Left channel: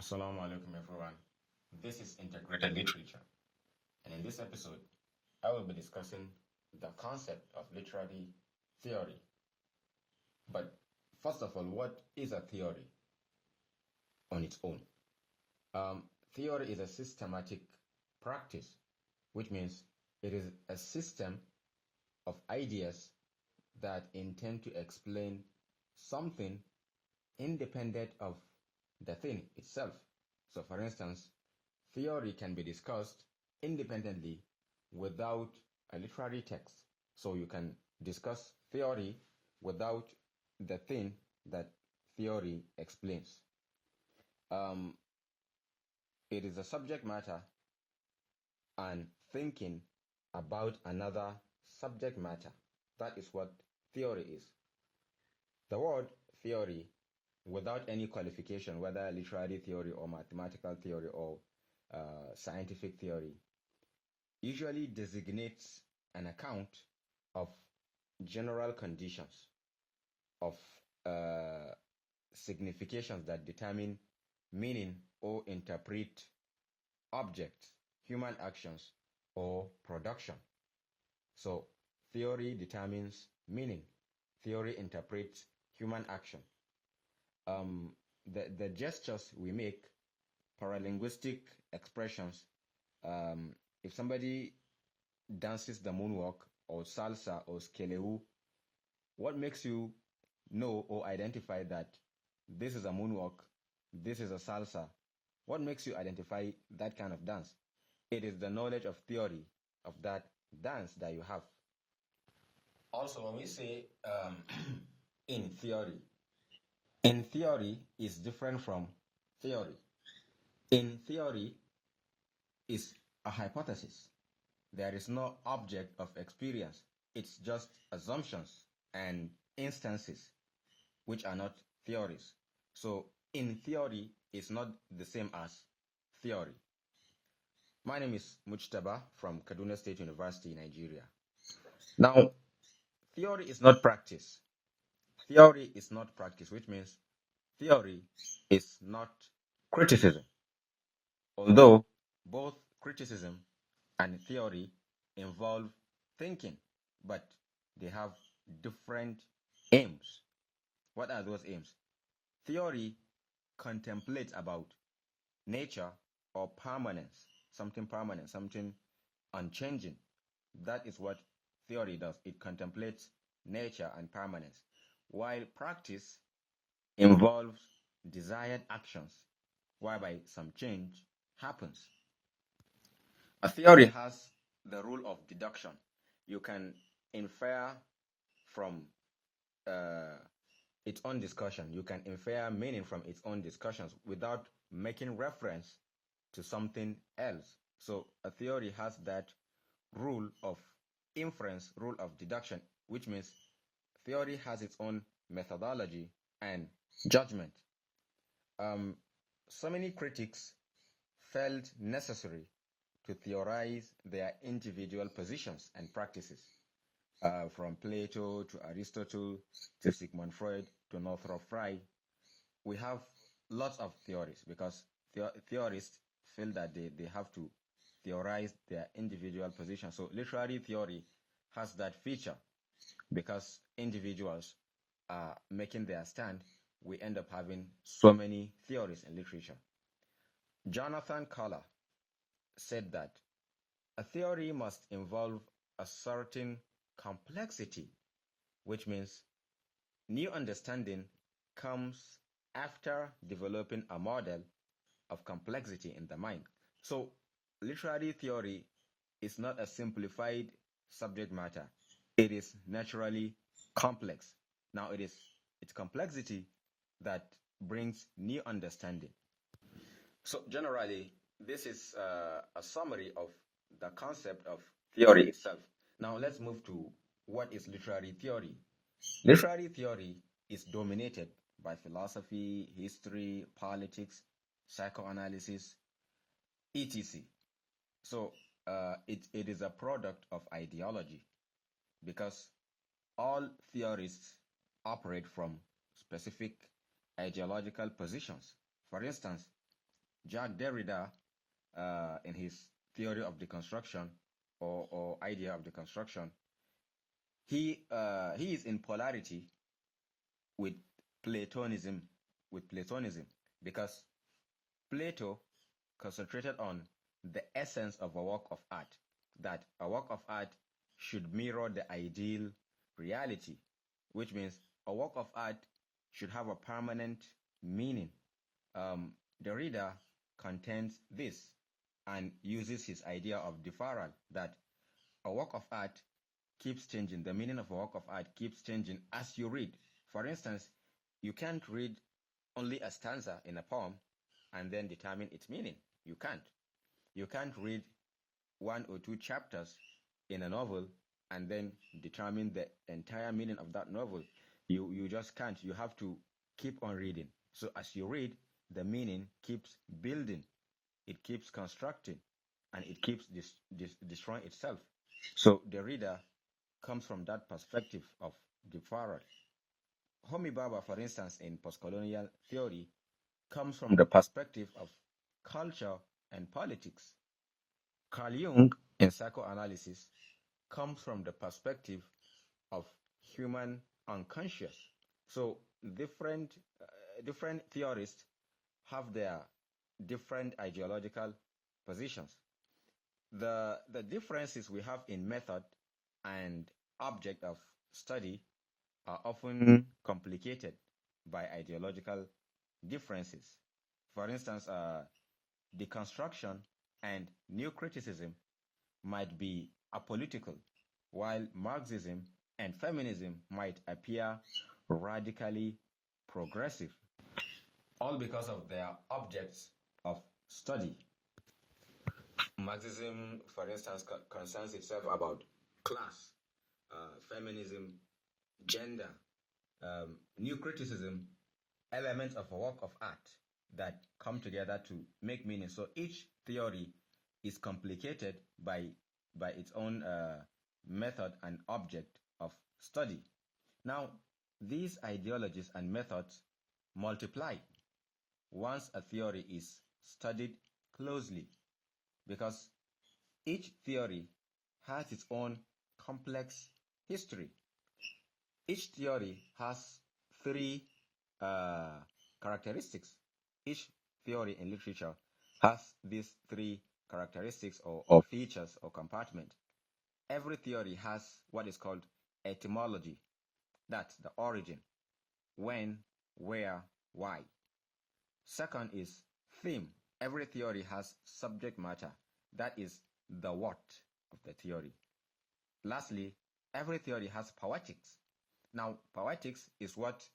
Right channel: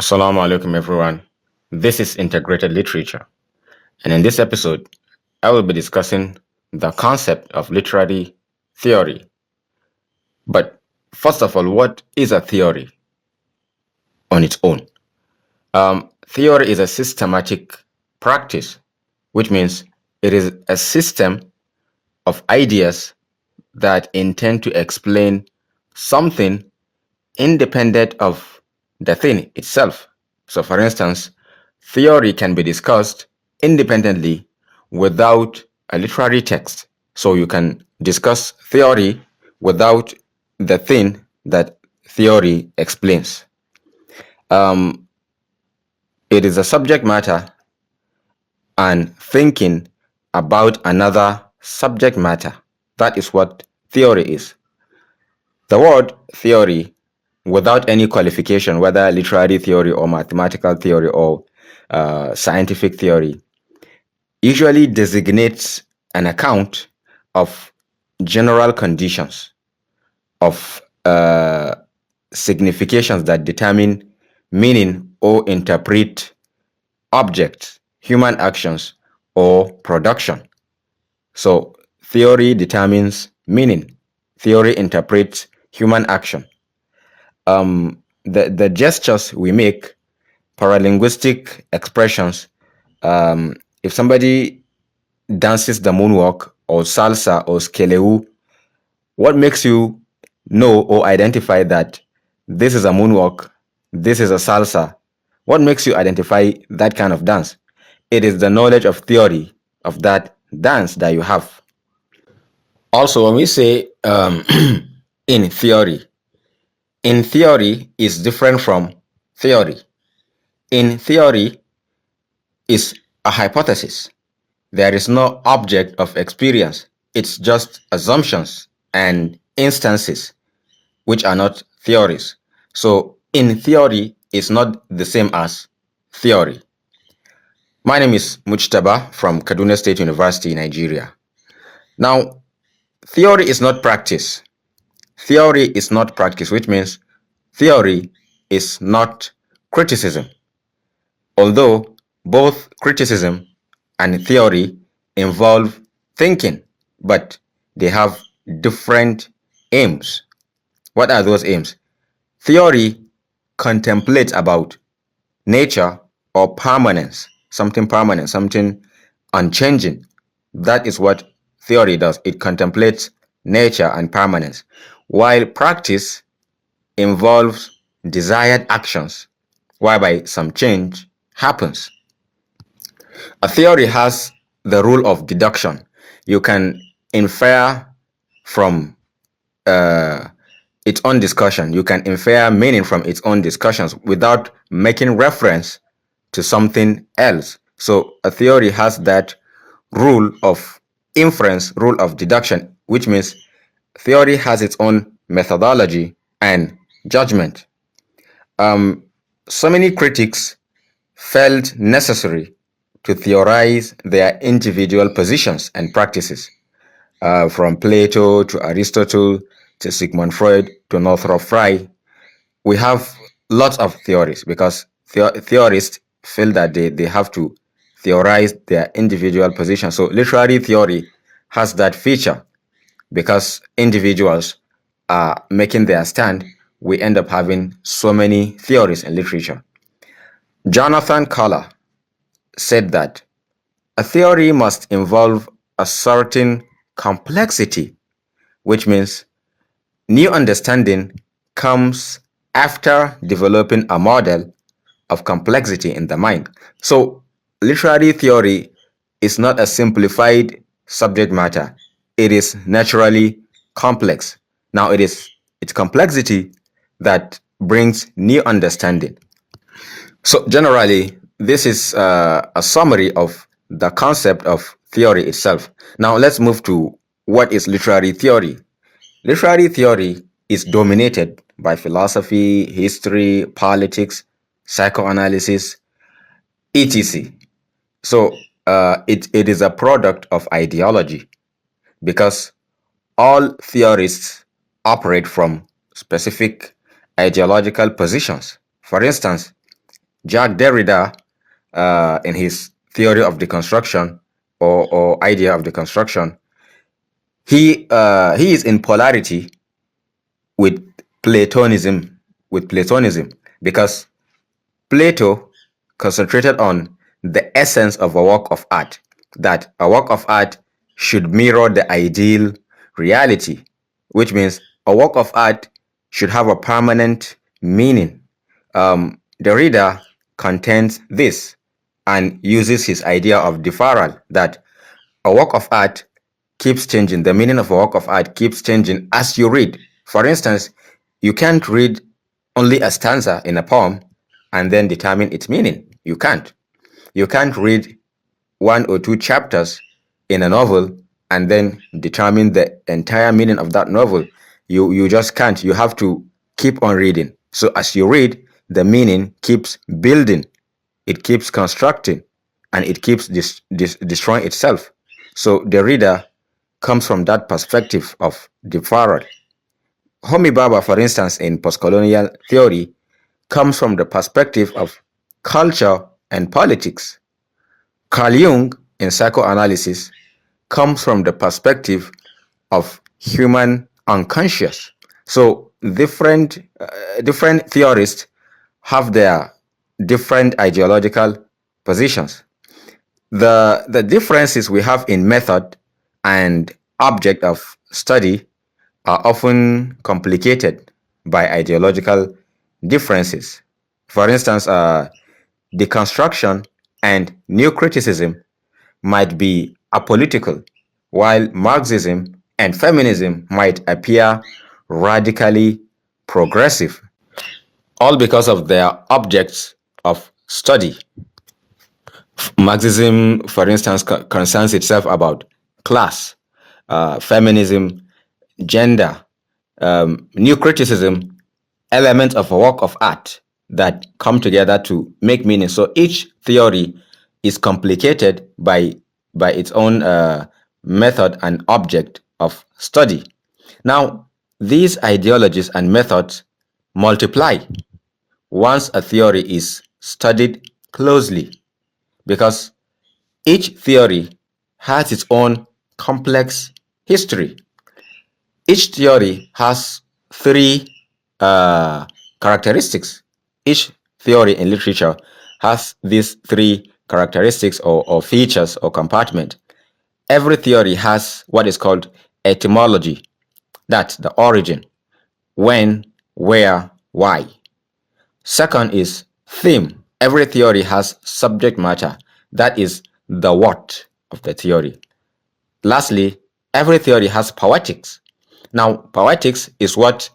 Assalamu alaikum, everyone. This is Integrated Literature, and in this episode, I will be discussing the concept of literary theory. But first of all, what is a theory on its own? Theory is a systematic practice, which means it is a system of ideas that intend to explain something independent of the thing itself. So, for instance, theory can be discussed independently without a literary text. So, you can discuss theory without the thing that theory explains. Um, it is a subject matter and thinking about another subject matter. That is what theory is. The word theory, without any qualification, whether literary theory or mathematical theory or scientific theory, usually designates an account of general conditions, of significations that determine meaning or interpret objects, human actions, or production. So, theory determines meaning, theory interprets human action. The gestures we make, paralinguistic expressions. If somebody dances the moonwalk or salsa or skeleu, what makes you know or identify that this is a moonwalk, this is a salsa? What makes you identify that kind of dance? It is the knowledge of theory of that dance that you have. Also, when we say in theory is different from theory. In theory is a hypothesis. There is no object of experience. It's just assumptions and instances, which are not theories. So, in theory is not the same as theory. My name is Mujtaba from Kaduna State University, Nigeria. Now, theory is not practice. Theory is not practice, which means theory is not criticism. Although both criticism and theory involve thinking, but they have different aims. What are those aims? Theory contemplates about nature or permanence, something unchanging. That is what theory does. It contemplates nature and permanence, while practice involves desired actions, whereby some change happens. A theory has the rule of deduction. You can infer from uh, its own discussion. You can infer meaning from its own discussions without making reference to something else. So a theory has that rule of inference, rule of deduction, which means theory has its own methodology and judgment. So many critics felt necessary to theorize their individual positions and practices, from Plato to Aristotle to Sigmund Freud to Northrop Frye. We have lots of theories because theorists feel that they have to theorize their individual positions. So literary theory has that feature because individuals are making their stand. We end up having so many theories in literature. Jonathan Collar said that a theory must involve a certain complexity, which means new understanding comes after developing a model of complexity in the mind. So, literary theory is not a simplified subject matter, it is naturally complex. Now, it is its complexity that brings new understanding. So, generally, this is a summary of the concept of theory itself. Now, let's move to what is literary theory. Literary theory is dominated by philosophy, history, politics, psychoanalysis, etc. So, it is a product of ideology because all theorists operate from specific ideological positions. For instance, Jacques Derrida, in his theory of deconstruction or idea of deconstruction, he is in polarity with Platonism, because Plato concentrated on the essence of a work of art, that a work of art should mirror the ideal reality, which means a work of art should have a permanent meaning. Derrida contends this and uses his idea of deferral, that a work of art keeps changing. The meaning of a work of art keeps changing as you read. For instance, you can't read only a stanza in a poem and then determine its meaning. You can't. You can't read one or two chapters in a novel and then determine the entire meaning of that novel. You just can't. You have to keep on reading. So as you read, the meaning keeps building, it keeps constructing, and it keeps destroying itself. So the reader comes from that perspective of deferral. Homi Bhabha, for instance, in postcolonial theory, comes from the perspective of culture and politics. Carl Jung, in psychoanalysis, comes from the perspective of human unconscious. So different theorists have their different ideological positions. The differences we have in method and object of study are often complicated by ideological differences. For instance, deconstruction and new criticism might be apolitical, while Marxism and feminism might appear radically progressive, all because of their objects of study. Marxism, for instance, concerns itself about class, feminism, gender, new criticism, elements of a work of art that come together to make meaning. So each theory is complicated by its own method and object of study. Now, these ideologies and methods multiply once a theory is studied closely, because each theory has its own complex history. Each theory has three characteristics. Each theory in literature has these three characteristics or features or compartment. Every theory has what is called etymology, that's the origin, when, where, why. Second is theme. Every theory has subject matter, that is the what of the theory. Lastly, every theory has poetics. Now, poetics is what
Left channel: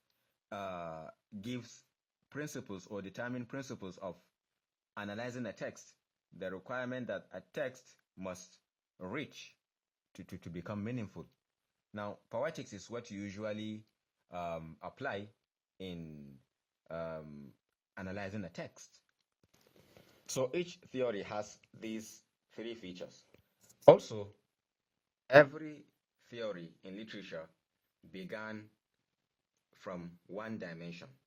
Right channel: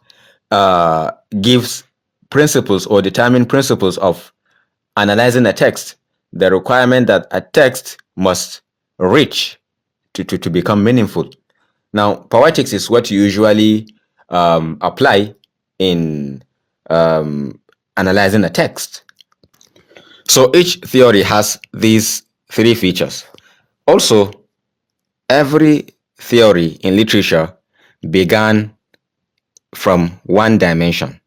gives principles or determine principles of analyzing a text. The requirement that a text must reach to become meaningful. Now, poetics is what you usually apply in analyzing a text. So each theory has these three features. Also, every theory in literature began from one dimension.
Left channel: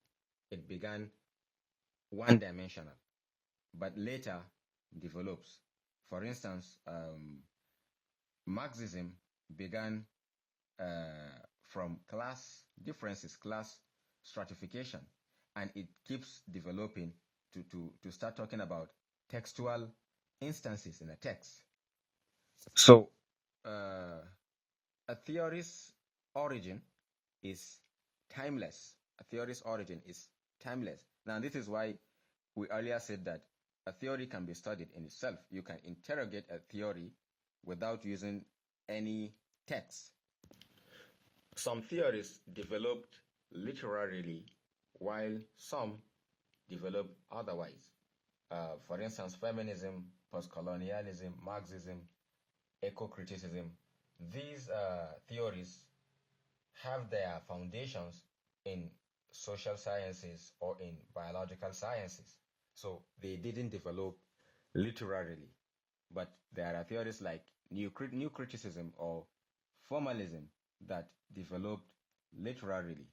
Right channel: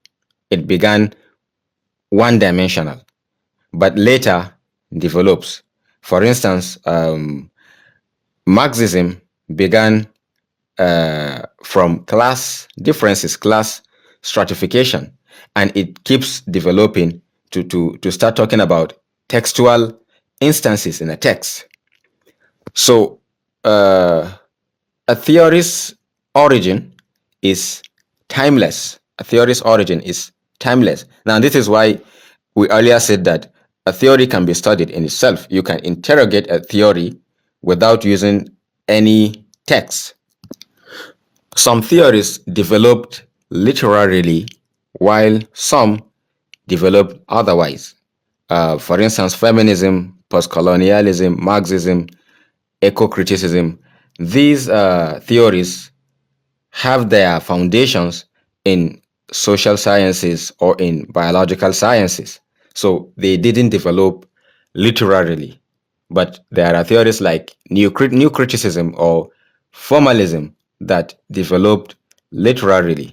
It began one dimensional, but later develops. For instance, Marxism began from class differences, class stratification, and it keeps developing to start talking about textual instances in a text. So, a theory's origin is timeless. A theory's origin is timeless. Now, this is why we earlier said that a theory can be studied in itself. You can interrogate a theory without using any text. Some theories developed literarily, while some developed otherwise. For instance, feminism, postcolonialism, Marxism, eco-criticism, these theories have their foundations in social sciences or in biological sciences. So they didn't develop literarily. But there are theories like new criticism or formalism that developed literarily.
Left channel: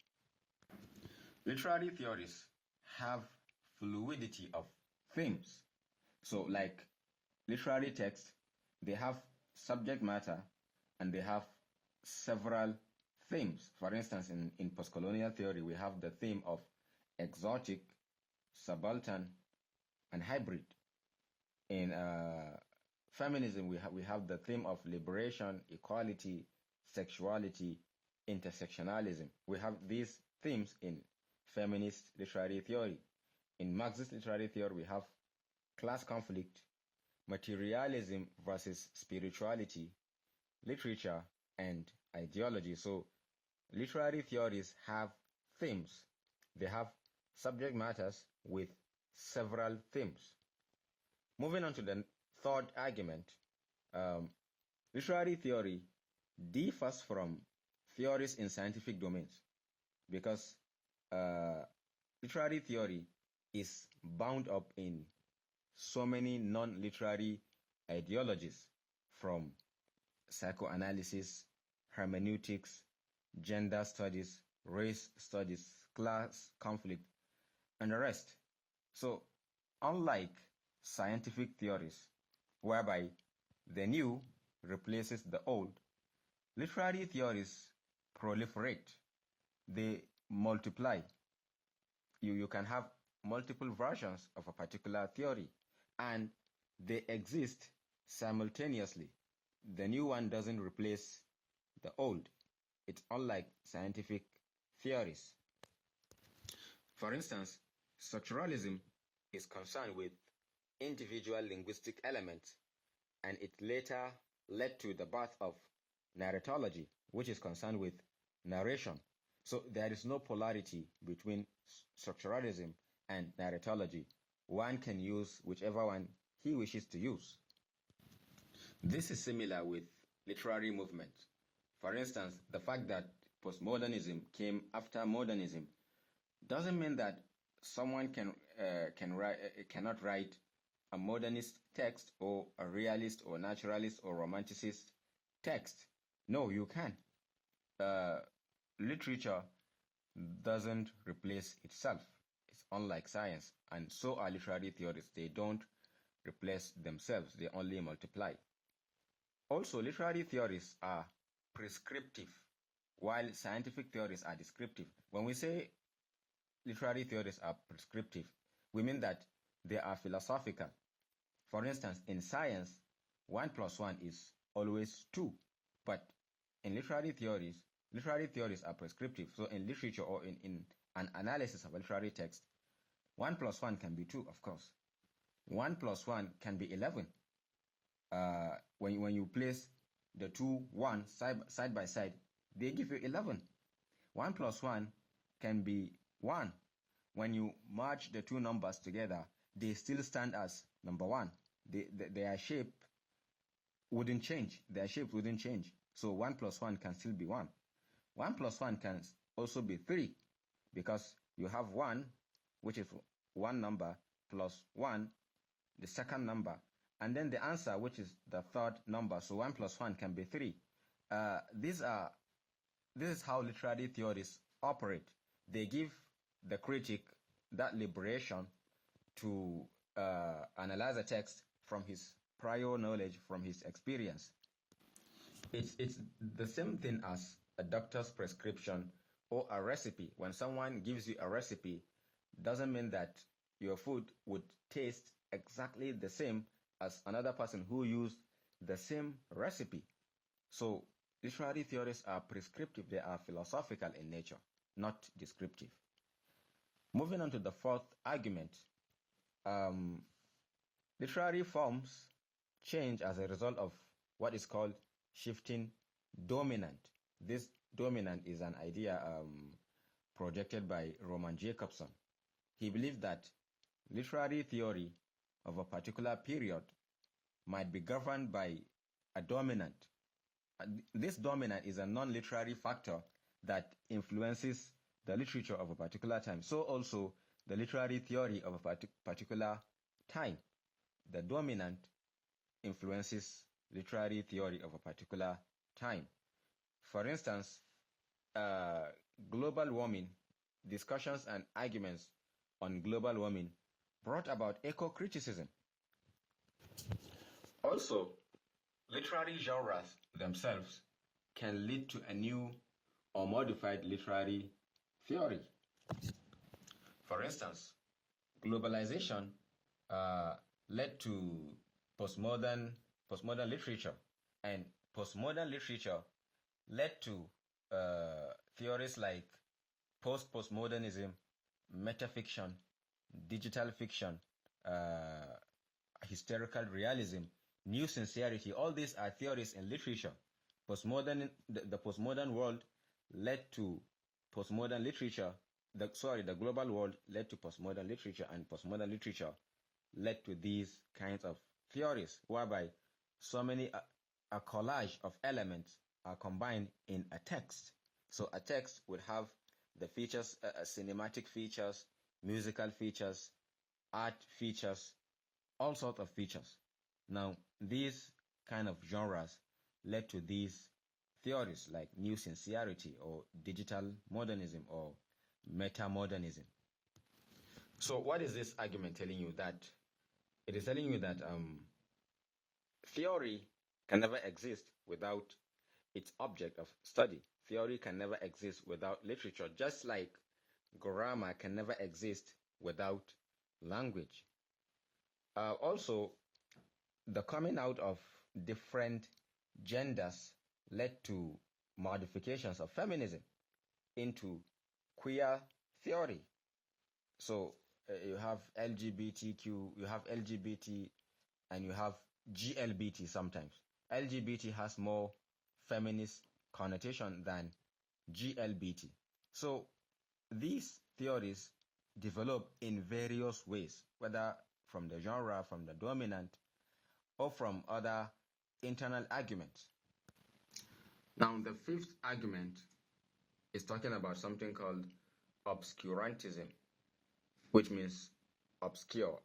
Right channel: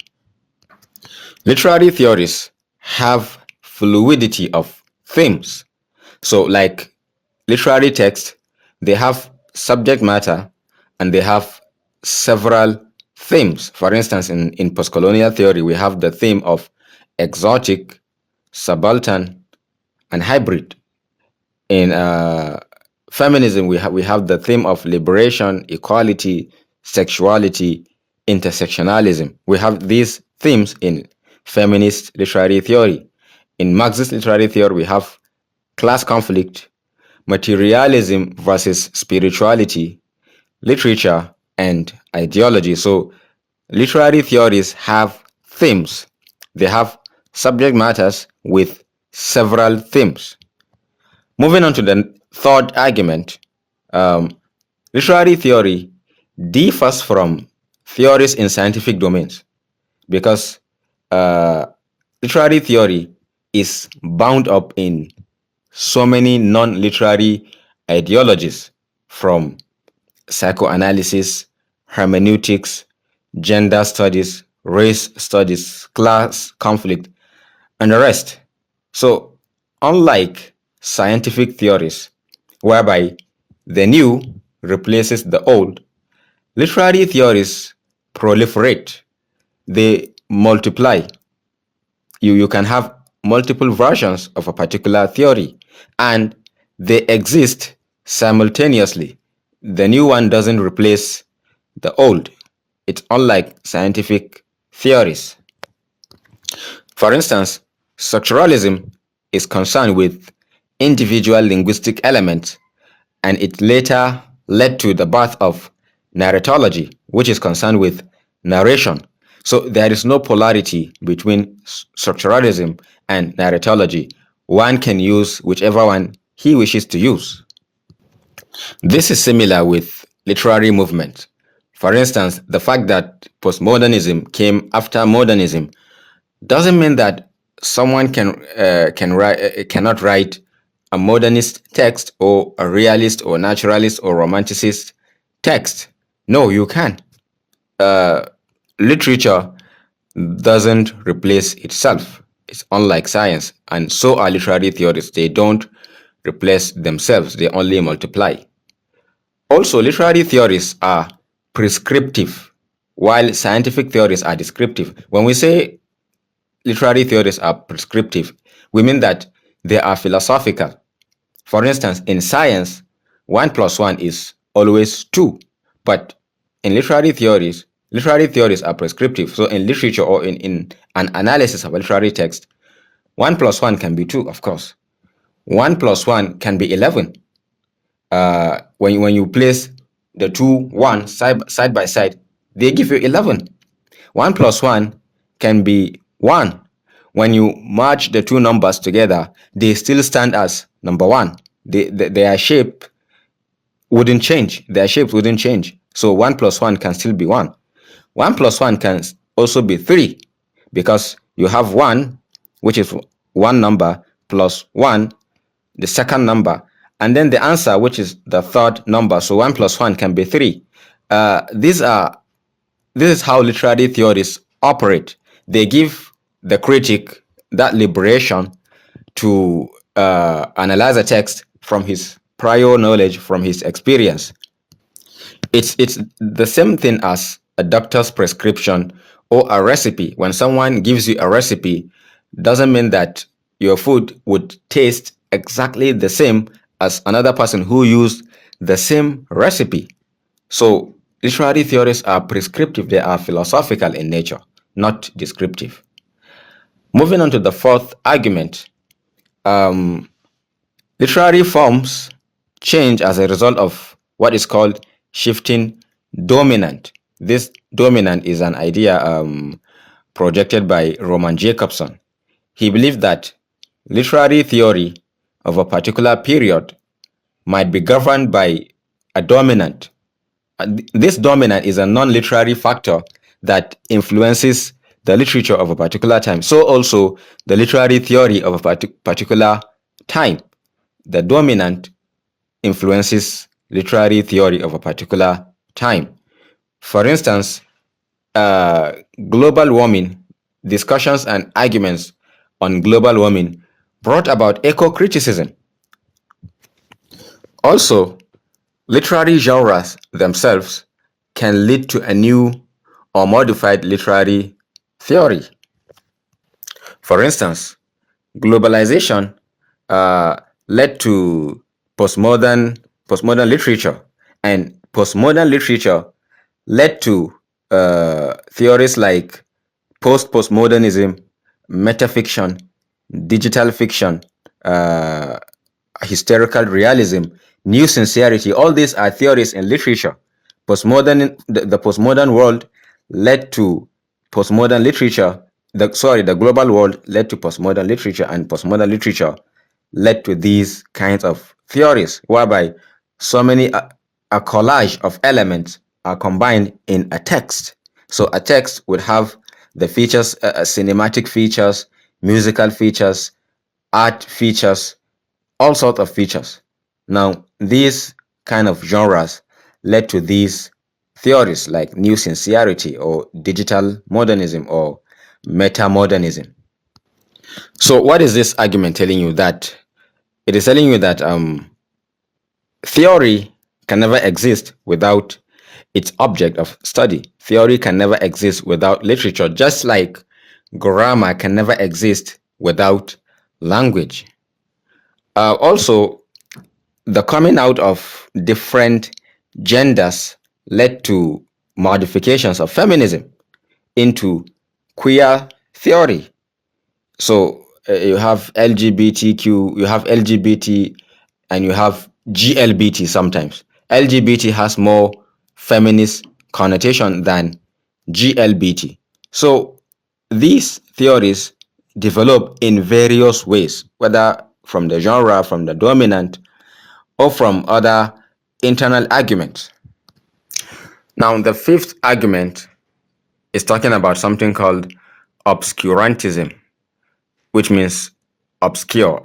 Literary theories have fluidity of themes. So, like literary text, they have subject matter and they have several themes. For instance, in postcolonial theory, we have the theme of exotic, subaltern, and hybrid. In feminism, we have the theme of liberation, equality, sexuality, intersectionalism. We have these themes in feminist literary theory. In Marxist literary theory, we have class conflict, materialism versus spirituality, literature, and ideology. So, literary theories have themes. They have subject matters with several themes. Moving on to the third argument, um, literary theory differs from theories in scientific domains because uh, literary theory is bound up in so many non-literary ideologies from psychoanalysis, hermeneutics, gender studies, race studies, class conflict, and the rest. So, unlike scientific theories, whereby the new replaces the old, literary theories proliferate, they multiply. You can have multiple versions of a particular theory, and they exist simultaneously. The new one doesn't replace the old. It's unlike scientific theories. For instance, structuralism is concerned with individual linguistic elements, and it later led to the birth of narratology, which is concerned with narration. So there is no polarity between structuralism and narratology. One can use whichever one he wishes to use. This is similar with literary movement. For instance, the fact that postmodernism came after modernism doesn't mean that someone cannot write a modernist text or a realist or naturalist or romanticist text. No, you can. Uh, Literature doesn't replace itself. It's unlike science, and so are literary theories. They don't replace themselves, they only multiply. Also, literary theories are prescriptive, while scientific theories are descriptive. When we say literary theories are prescriptive, we mean that they are philosophical. For instance, in science, 1 plus 1 is always 2. But in literary theories are prescriptive. So in literature or in an analysis of a literary text, 1 plus 1 can be 2, of course. 1 plus 1 can be 11. When you place the two ones side by side, they give you 11. 1 plus 1 can be 1. When you merge the two numbers together, they still stand as number 1. Their shape wouldn't change. Their shapes wouldn't change. So 1 plus 1 can still be 1. 1 plus 1 can also be 3 because you have 1, which is one number, plus 1, the second number, and then the answer, which is the third number. So 1 plus 1 can be 3. This is how literary theories operate. They give the critic that liberation to analyze a text from his prior knowledge, from his experience. It's the same thing as a doctor's prescription or a recipe. When someone gives you a recipe, doesn't mean that your food would taste exactly the same as another person who used the same recipe. So literary theories are prescriptive, they are philosophical in nature, not descriptive. Moving on to the fourth argument, um, literary forms change as a result of what is called shifting dominant. This dominant is an idea projected by Roman Jacobson. He believed that literary theory of a particular period might be governed by a dominant. This dominant is a non-literary factor that influences the literature of a particular time. So also the literary theory of a particular time. The dominant influences literary theory of a particular time. For instance, global warming, discussions and arguments on global warming brought about eco-criticism. Also, literary genres themselves can lead to a new or modified literary theory. For instance, globalization uh, led to postmodern literature, and postmodern literature led to theories like postmodernism, metafiction, digital fiction, uh, historical realism, new sincerity. All these are theories in literature. The postmodern world led to postmodern literature. The global world led to postmodern literature, and postmodern literature led to these kinds of theories, whereby so many a collage of elements are combined in a text. So a text would have the features, cinematic features, musical features, art features, all sorts of features. Now, these kind of genres led to these theories like new sincerity or digital modernism or meta-modernism. So, what is this argument telling you? That it is telling you that theory can never exist without its object of study. Theory can never exist without literature, just like grammar can never exist without language. Also, the coming out of different genders led to modifications of feminism into queer theory. So you have LGBTQ, you have LGBT, and you have GLBT sometimes. LGBT has more feminist connotation than GLBT. So these theories develop in various ways, whether from the genre, from the dominant, or from other internal arguments. Now, the fifth argument is talking about something called obscurantism, which means obscure.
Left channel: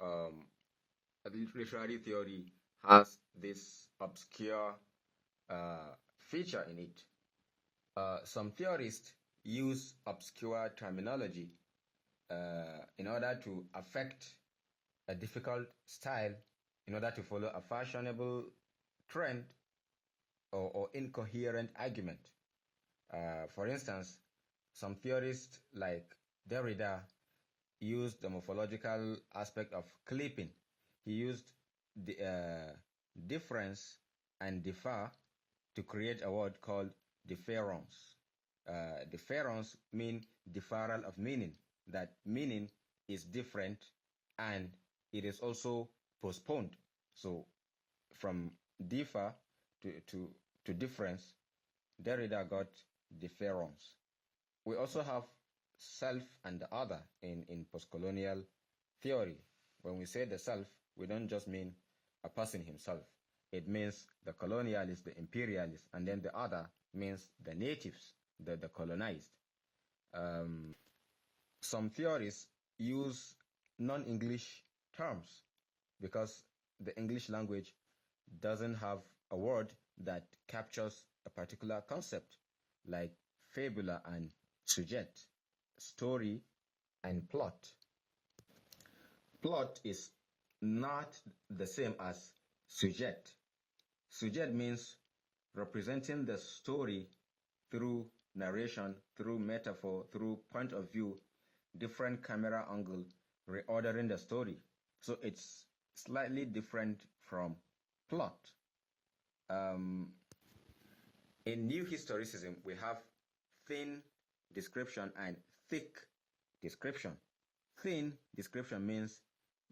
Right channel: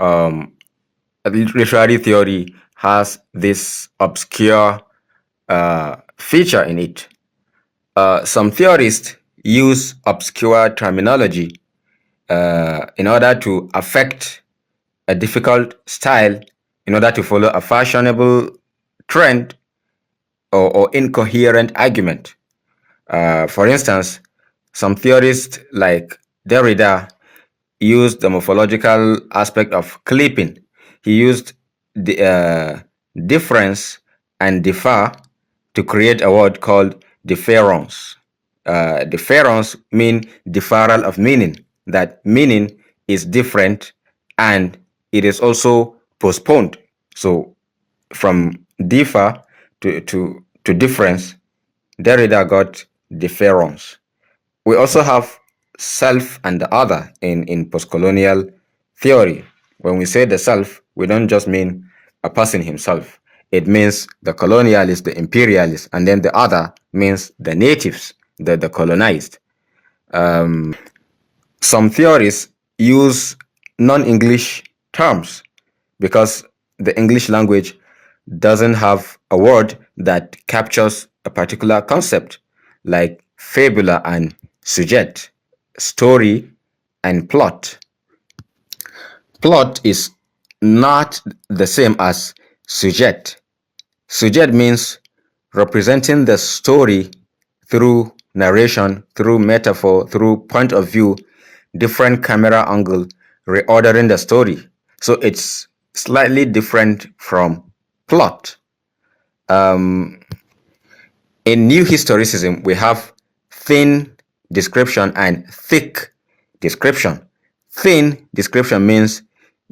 Literary theory has this obscure feature in it. Some theorists use obscure terminology in order to affect a difficult style, in order to follow a fashionable trend or incoherent argument. For instance, some theorists like Derrida used the morphological aspect of clipping. He used the difference and differ to create a word called difference. Difference mean differential of meaning. That meaning is different and it is also postponed. So from differ to difference, Derrida got difference. We also have self and the other in postcolonial theory. When we say the self, we don't just mean a person himself. It means the colonialist, the imperialist, and then the other means the natives, the colonized. Some theories use non-English terms because the English language doesn't have a word that captures a particular concept, like fabula and sujet, story and plot. Plot is not the same as sujet. Sujet means representing the story through narration, through metaphor, through point of view, different camera angle, reordering the story. So it's slightly different from plot. In New Historicism, we have thin description and thick description. Thin description means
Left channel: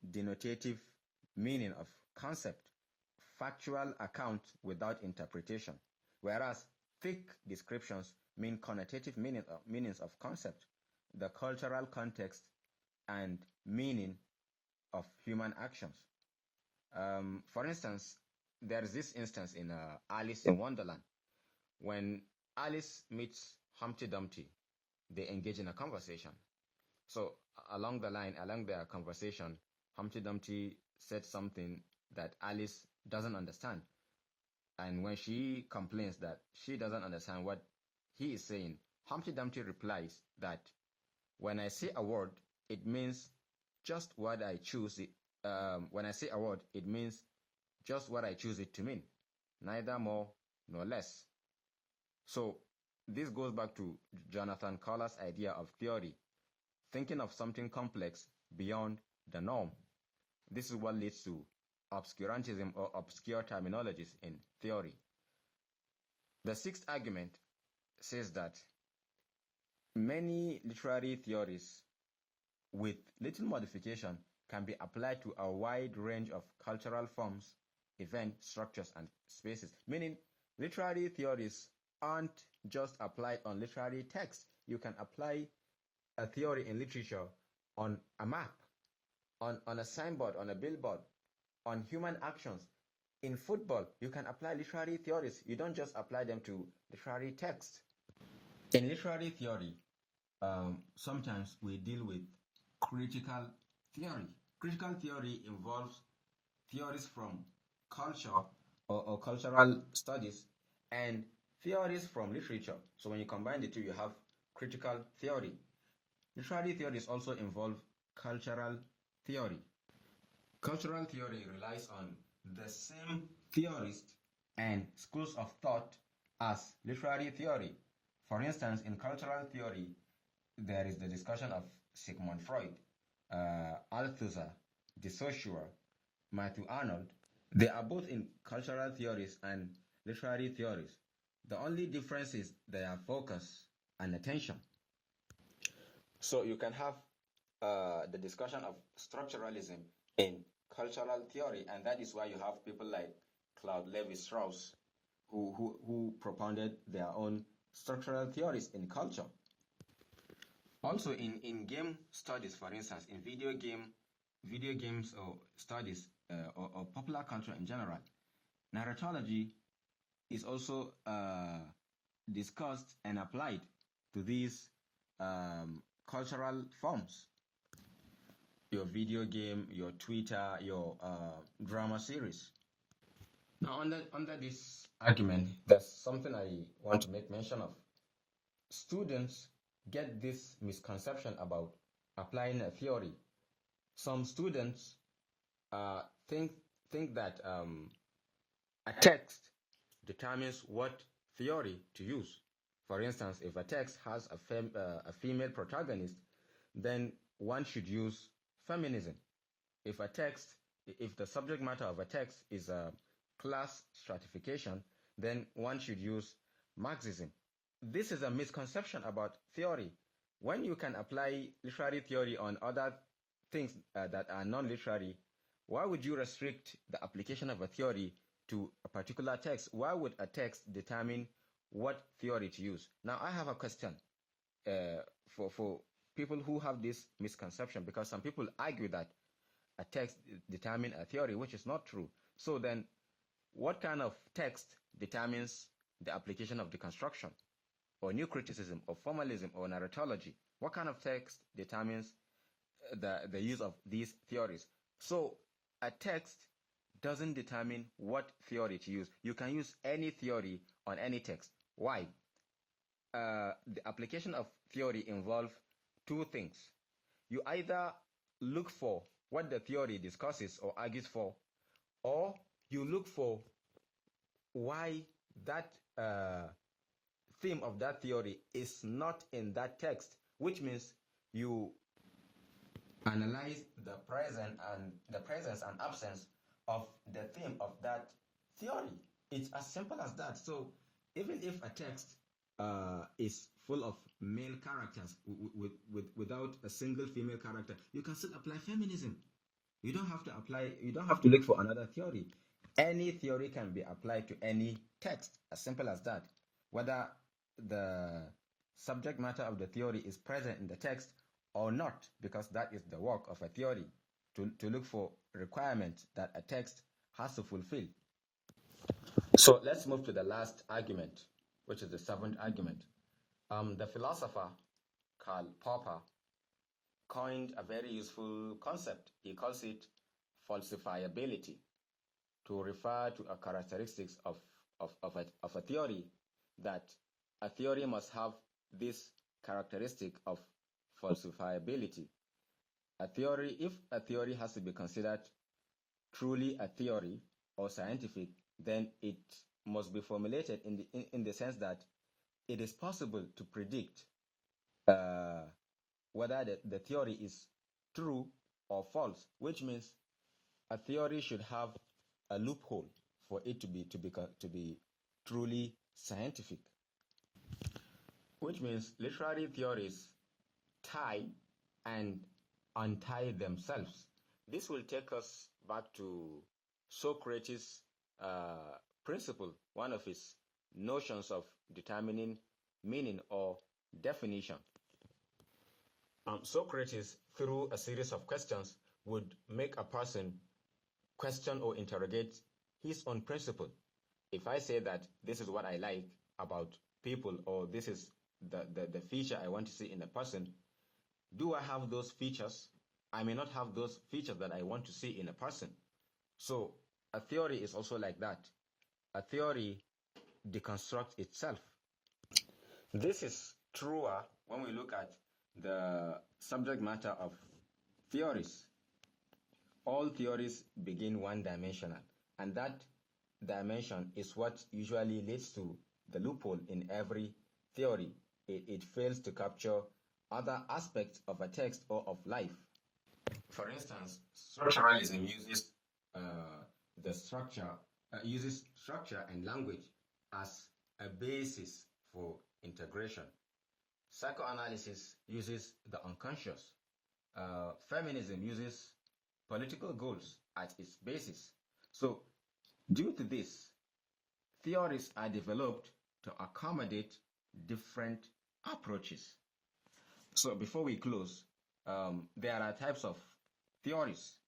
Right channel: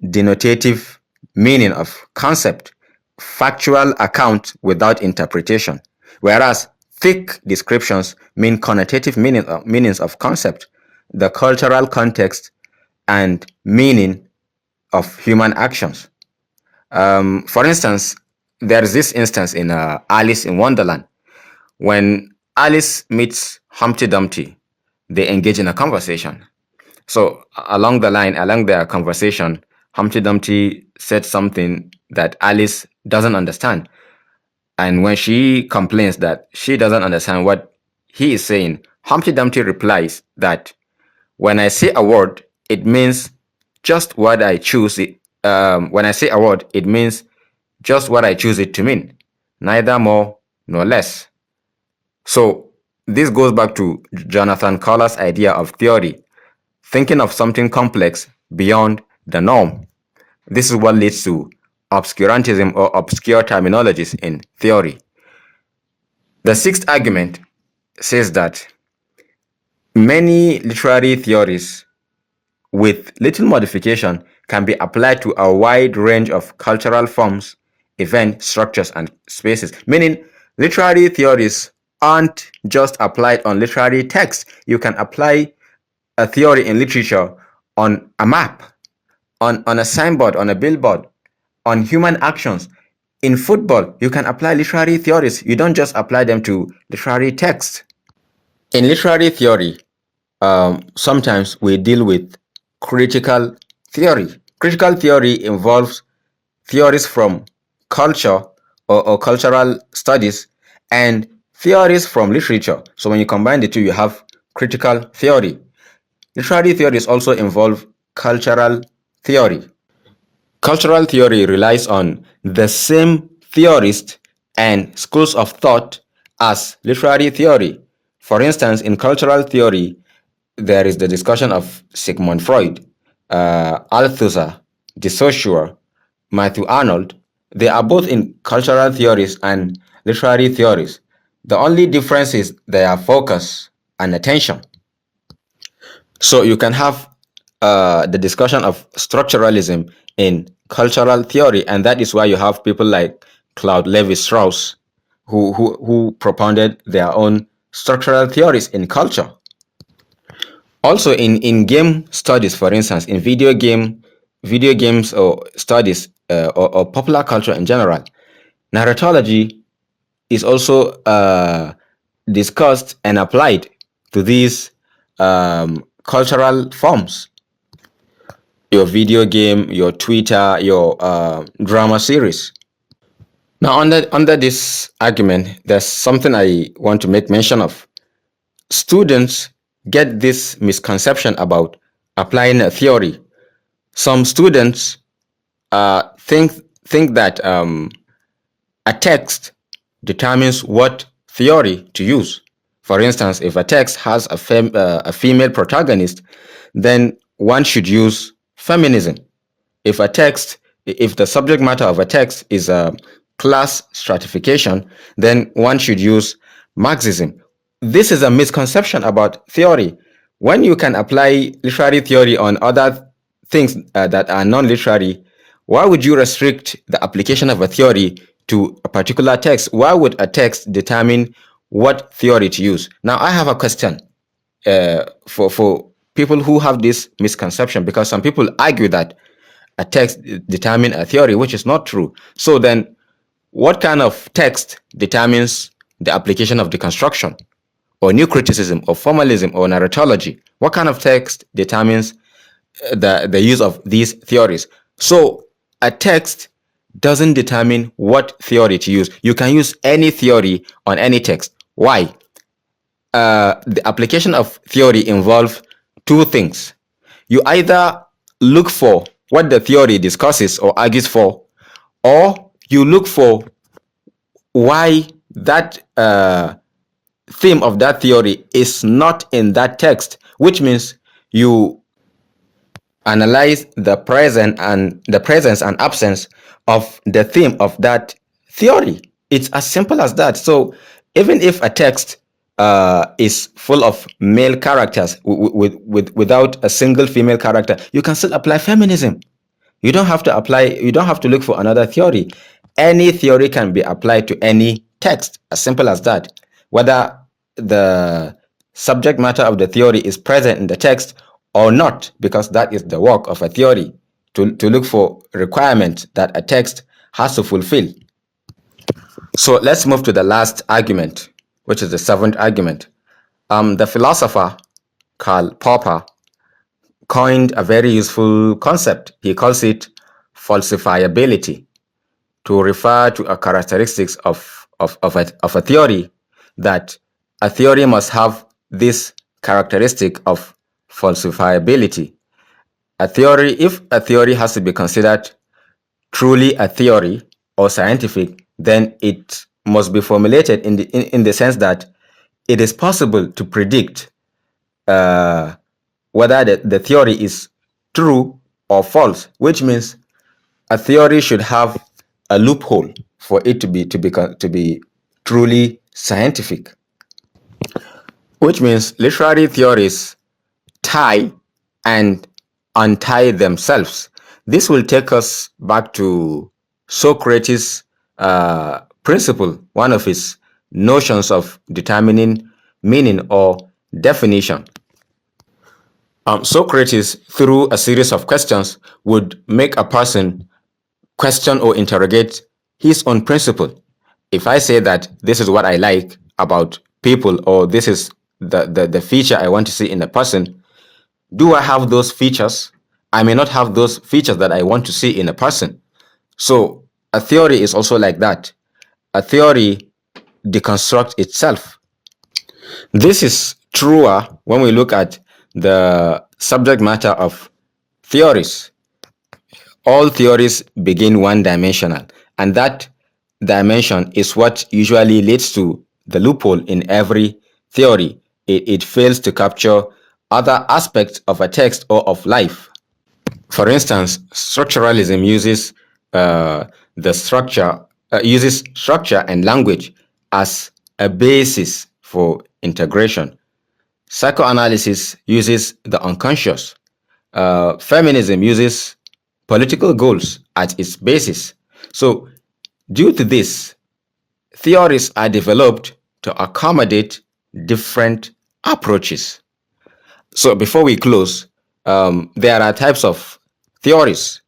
denotative meaning of concept, factual account without interpretation, whereas thick descriptions mean connotative meanings of concept, the cultural context and meaning of human actions. For instance, there is this instance in Alice in Wonderland. When Alice meets Humpty Dumpty, they engage in a conversation. So along their conversation, Humpty Dumpty said something that Alice doesn't understand. And when she complains that she doesn't understand what he is saying, Humpty Dumpty replies that when I say a word, it means just what I choose it. When I say a word, it means just what I choose it to mean, neither more nor less. So this goes back to Jonathan Coller's idea of theory, thinking of something complex beyond the norm. This is what leads to obscurantism or obscure terminologies in theory. The sixth argument says that many literary theories, with little modification, can be applied to a wide range of cultural forms, event structures, and spaces. Meaning, literary theories aren't just applied on literary text. You can apply a theory in literature on a map, on a signboard, on a billboard, on human actions. In football, you can apply literary theories. You don't just apply them to literary text. In literary theory, sometimes we deal with critical theory. Critical theory involves theories from culture or cultural studies and theories from literature. So when you combine the two, you have critical theory. Literary theories also involve cultural theory. Cultural theory relies on the same theorists and schools of thought as literary theory. For instance, in cultural theory, there is the discussion of Sigmund Freud, Althusser, de Saussure, Matthew Arnold. They are both in cultural theories and literary theories. The only difference is their focus and attention. So you can have the discussion of structuralism in cultural theory, and that is why you have people like Claude Levi-Strauss, who propounded their own structural theories in culture. Also, in game studies, for instance, in video games or studies or popular culture in general, narratology is also discussed and applied to these cultural forms. Your video game, your Twitter, your drama series. Now, under this argument, there's something I want to make mention of. Students get this misconception about applying a theory. Some students think that a text determines what theory to use. For instance, if a text has a female protagonist, then one should use feminism. If the subject matter of a text is a class stratification, then one should use Marxism. This is a misconception about theory. When you can apply literary theory on other things that are non-literary, why would you restrict the application of a theory to a particular text? Why would a text determine what theory to use? Now, I have a question for people who have this misconception, because some people argue that a text determines a theory, which is not true. So then, what kind of text determines the application of deconstruction, or new criticism, or formalism, or narratology? What kind of text determines the use of these theories? So a text doesn't determine what theory to use. You can use any theory on any text. Why? The application of theory involves two things. You either look for what the theory discusses or argues for, or you look for why that theme of that theory is not in that text, which means you analyze the presence and absence of the theme of that theory. It's as simple as that. So even if a text is full of male characters without a single female character, you can still apply feminism. You don't have to look for another theory. Any theory can be applied to any text, as simple as that. Whether the subject matter of the theory is present in the text or not, because that is the work of a theory, to look for requirements that a text has to fulfill. So let's move to the last argument, which is the seventh argument. The philosopher Karl Popper coined a very useful concept. He calls it falsifiability, to refer to a characteristics of a theory, that a theory must have this characteristic of falsifiability. If a theory has to be considered truly a theory or scientific, then it must be formulated in the sense that it is possible to predict uh, whether the theory is true or false, which means a theory should have a loophole for it to be truly scientific, which means literary theories tie and untie themselves. This will take us back to Socrates' principle, one of his notions of determining meaning or definition. Socrates, through a series of questions, would make a person question or interrogate his own principle. If I say that this is what I like about people, or this is the feature I want to see in a person, do I have those features? I may not have those features that I want to see in a person. So a theory is also like that. A theory deconstructs itself. This is truer when we look at the subject matter of theories. All theories begin one-dimensional, and that dimension is what usually leads to the loophole in every theory. It fails to capture other aspects of a text or of life. For instance, structuralism uh, uses structure and language as a basis for integration. Psychoanalysis uses the unconscious. Feminism uses political goals at its basis. So, due to this, theories are developed to accommodate different approaches. So, before we close, there are types of theories.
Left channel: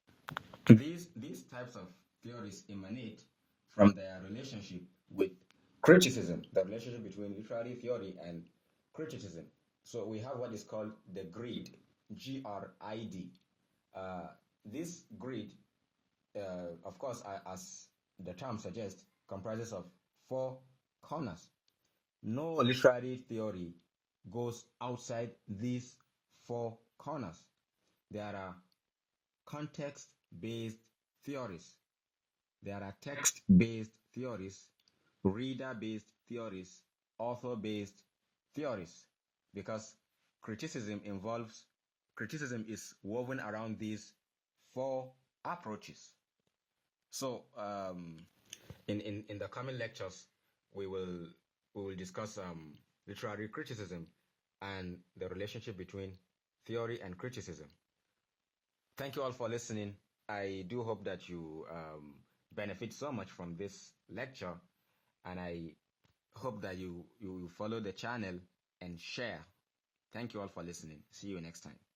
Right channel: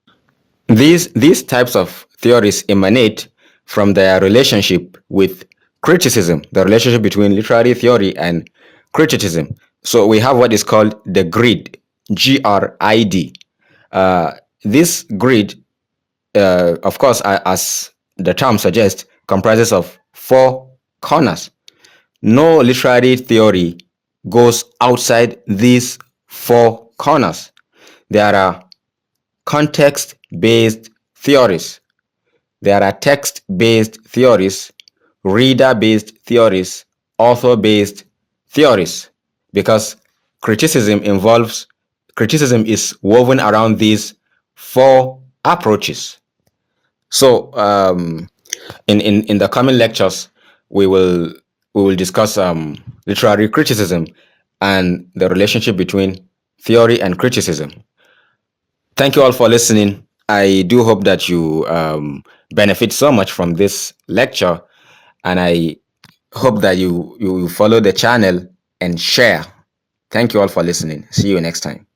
These types of theories emanate from their relationship with criticism, the relationship between literary theory and criticism. So we have what is called the grid, GRID. Uh, this grid, of course, as the term suggests, comprises of four corners. No literary theory goes outside these four corners. There are context-based theories. There are text-based theories, reader-based theories, author-based theories, because criticism is woven around these four approaches. So, in the coming lectures, we will discuss literary criticism and the relationship between theory and criticism. Thank you all for listening. I do hope that you benefit so much from this lecture, and I hope that you follow the channel and share. Thank you all for listening. See you next time.